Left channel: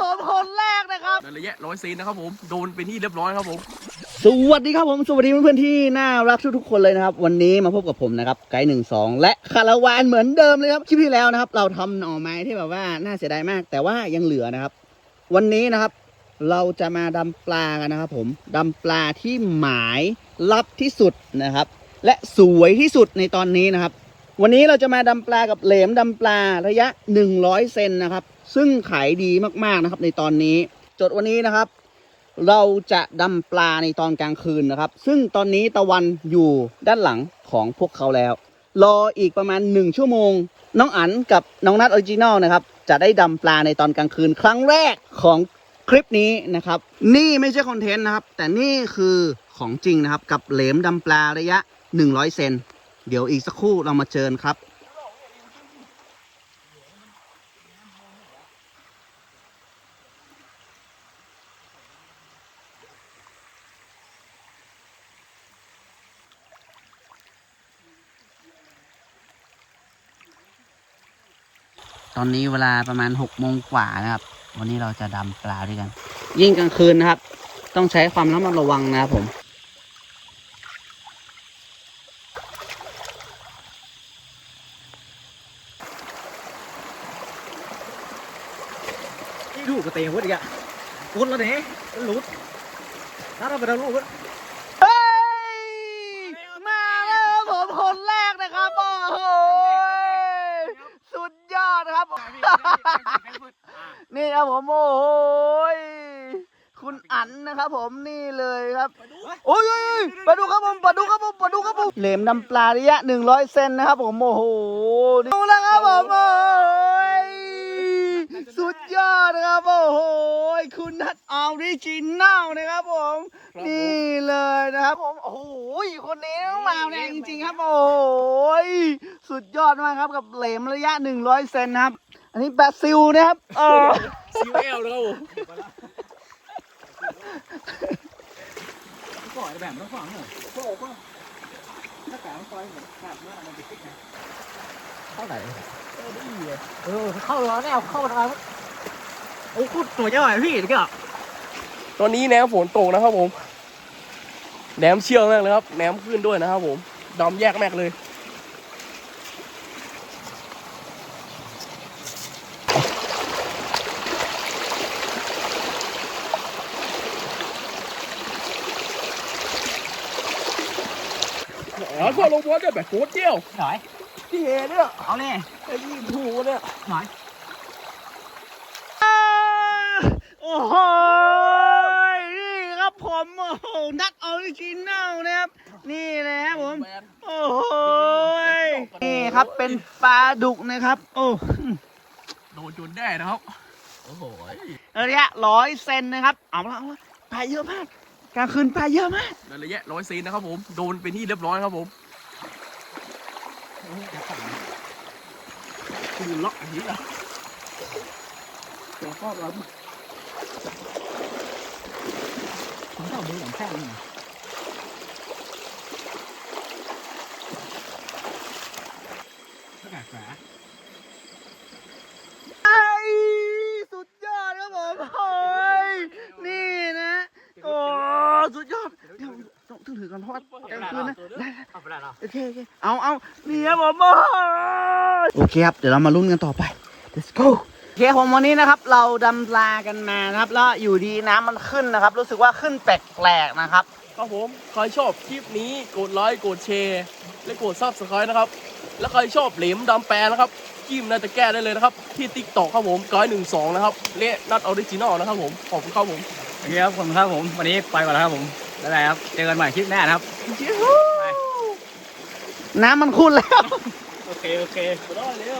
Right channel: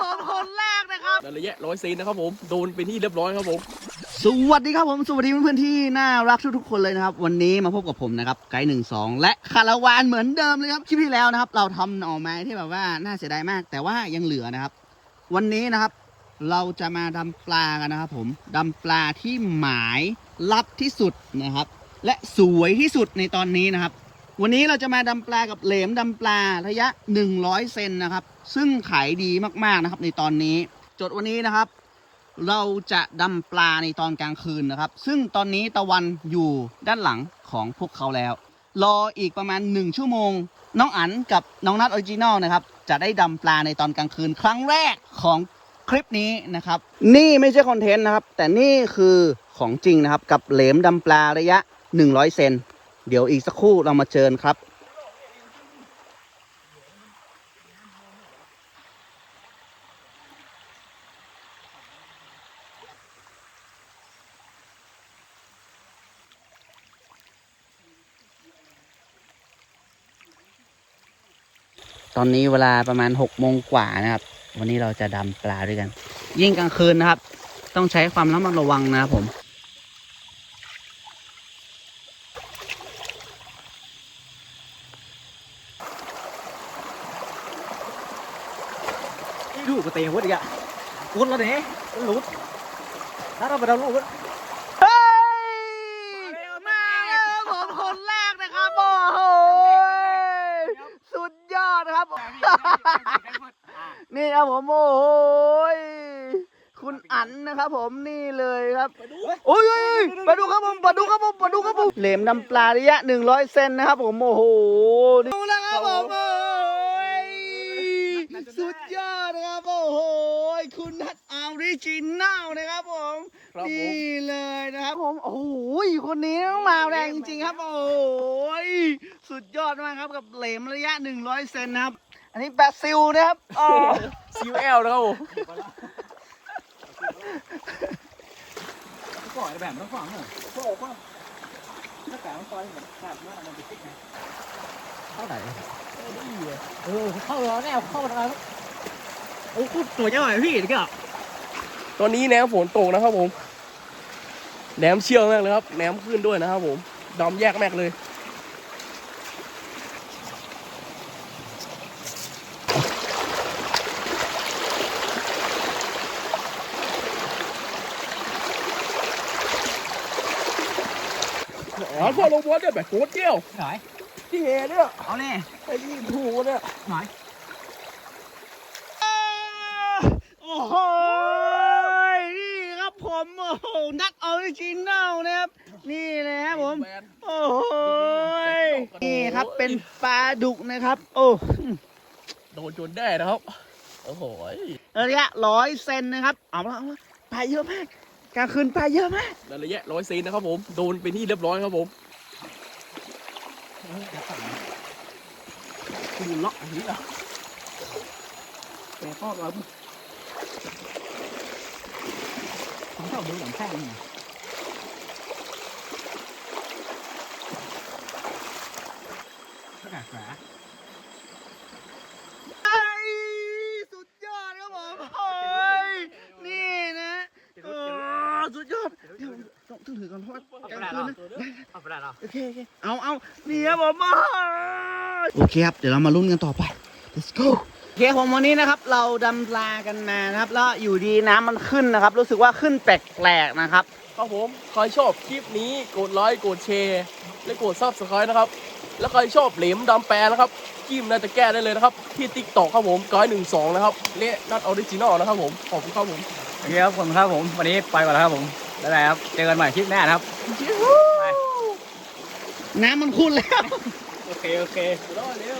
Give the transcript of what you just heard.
ผมคนแรกนะครับนั่นระยะร้อยซีนนะครับผมโดนเป็นที่เรียบร้อยครับผม สวัสดีครับผม สวัสดีเพื่อนๆที่น่ารักทุกๆคนเลยนะครับ วันนี้มาพบกับผมนะครับไกด์หนึ่งสองและคาราวานเหมือนเดิมเลยครับคลิปที่แล้วนะครับ เราทำหน่อไม้ที่แบบว่าน่าเสียดายมาก แต่ว่ายังเหลือนะครับ วันนี้นะครับ เราจะมาดำปลากันนะครับ ผมดำปลาที่หมายลับที่สุดนะครับ และสวยที่สุดในตอนนี้นะครับ วันนี้เราจะมาดำปลากับเหลมดำปลาระยะ 100 เซนนะครับ ซึ่งขายดีมากๆนะครับในตอนนี้ จดวันนี้นะครับ เราจะดำปลาในตอนกลางคืนนะครับ ซึ่งตอนนี้ตะวันอยู่ด้านหลังของพวกเขาแล้ว รออีกประมาณ 1 ชั่วโมง น้องอันกับน้องนัทออริจินอลนะครับ จะได้ดำปลาในตอนกลางคืน ครั้งแรกของคลิปนี้นะครับ นี่ไม่ใช่คอนเทนต์นะครับ แต่นี่คือของจริงนะครับ กับเหลมดำปลาระยะ 100 เซน เดี๋ยวอีกสักครู่เรามาเจอกันครับ ตอนนี้เวลาประมาณ6โมงกว่านะครับ วันนี้เราจะดำปลาด้วยกัน ยิ่งกลางคืนนะครับ ต้องใช้ความระมัดระวังนะครับผม ดูกเตะหัวดิอะวุ้นแล้วเนี่ยมันหลุดถ้าเราไปดาวลูกเฮ้ยมาแล้วผมคนแรกนะครับโอ้โหสุดยอดนะครับนี่ครับผมโอ้โหยคุณอันนะครับผมนี่เลยครับโอ้ยมาดูครับผมมาดูครับผมมาดูครับผมเหลมดำปลาระยะหนึ่งร้อยเซนนะครับผมโอ้โหดูแล้วครับผมโอ้ยสุดยอดนะครับโอ้โหยคุณนัทออ ริจินัลนะครับผมครับผม นี่เลยนะครับผมโอ้โหคนนี้ต้องมาแรงจริงๆครับ โอ้โหสุดยอดมากครับกับเหลมระยะหนึ่งร้อยเซนนะครับ อันนี้แบราซิลนะครับเออซิวแอลนะครับผมก่อนแบบต้องฟังเหรอโอ้โหถ้าแก่มันซอยเหมือนขาดมากมันจะติ๊กไงเข้าไหนเออดีอะเออเข้าแล้วแนวเข้าอะไรโอ้คุณสวยจังเลยพี่นี่ก็ ตอนนี้แนวฝนตกนะครับผมแหนมเชี่ยวมากเลยครับแหนมขึ้นด้วยนะครับผมดำแยกแมกเลยอ๋อพอลงบอลเนี่ยแบบโคตรเจี้ยวหน่อยที่เฮเนี่ยเอาเนี่ยไอ้ยี่ถูเนี่ยหน่อยโอ้โหนี่ครับ ผมโอ้โหนัทออริจินัลนะครับ นี่เลยครับผม โอ้โหนี่ครับเป็นปลาดุกนะครับ โอ้โดนจนได้นะครับ โอ้โหระยะร้อยเซนนะครับ เอาละเอาละปลาเยอะมากกลางคืนปลาเยอะมากนั่นระยะร้อยซีนนะครับผม โดนเป็นที่เรียบร้อยครับผมคือล็อกอันนี้เหรอเดี๋ยวก็เรา ผมชอบดูหลังแข้งนี่นะประกาศขาไอ้สุดยอดครับผมโอ้ยนี่นะโอ้สุดยอดเดี๋ยวต้องถือกันเพราะว่ากลางคืนนะได้เอาไปได้หรอโอเคโอเคเอาเอานี่ครับผมโอเคครับเดี๋ยวเรามาลุ้นกันต่อไป let's go โอ เคผมวันนี้นะครับ เราดำปลากันมานะครับ แล้วอยู่ดีน้ำมันขึ้นนะครับ รู้สึกว่าขึ้นแปลกๆนะครับครับผมใครชอบคลิปนี้กดไลค์กดแชร์และกดซับสไครต์นะครับ แล้วใครชอบเหลมดำแปรนะครับจิ้มน่าจะแก้ได้เลยนะครับ ที่ติ๊กต็อกครับผมก้อยหนึ่งสองนะครับเละนัดออริจินอลนะครับผมขอบคุณครับผมโอเคครับผมครับผม วันนี้ไปก่อนแล้วครับผมบ๊ายบายครับเจอกันใหม่คลิปหน้านะครับ น้ำมันขึ้นแล้ว โอเค โอเค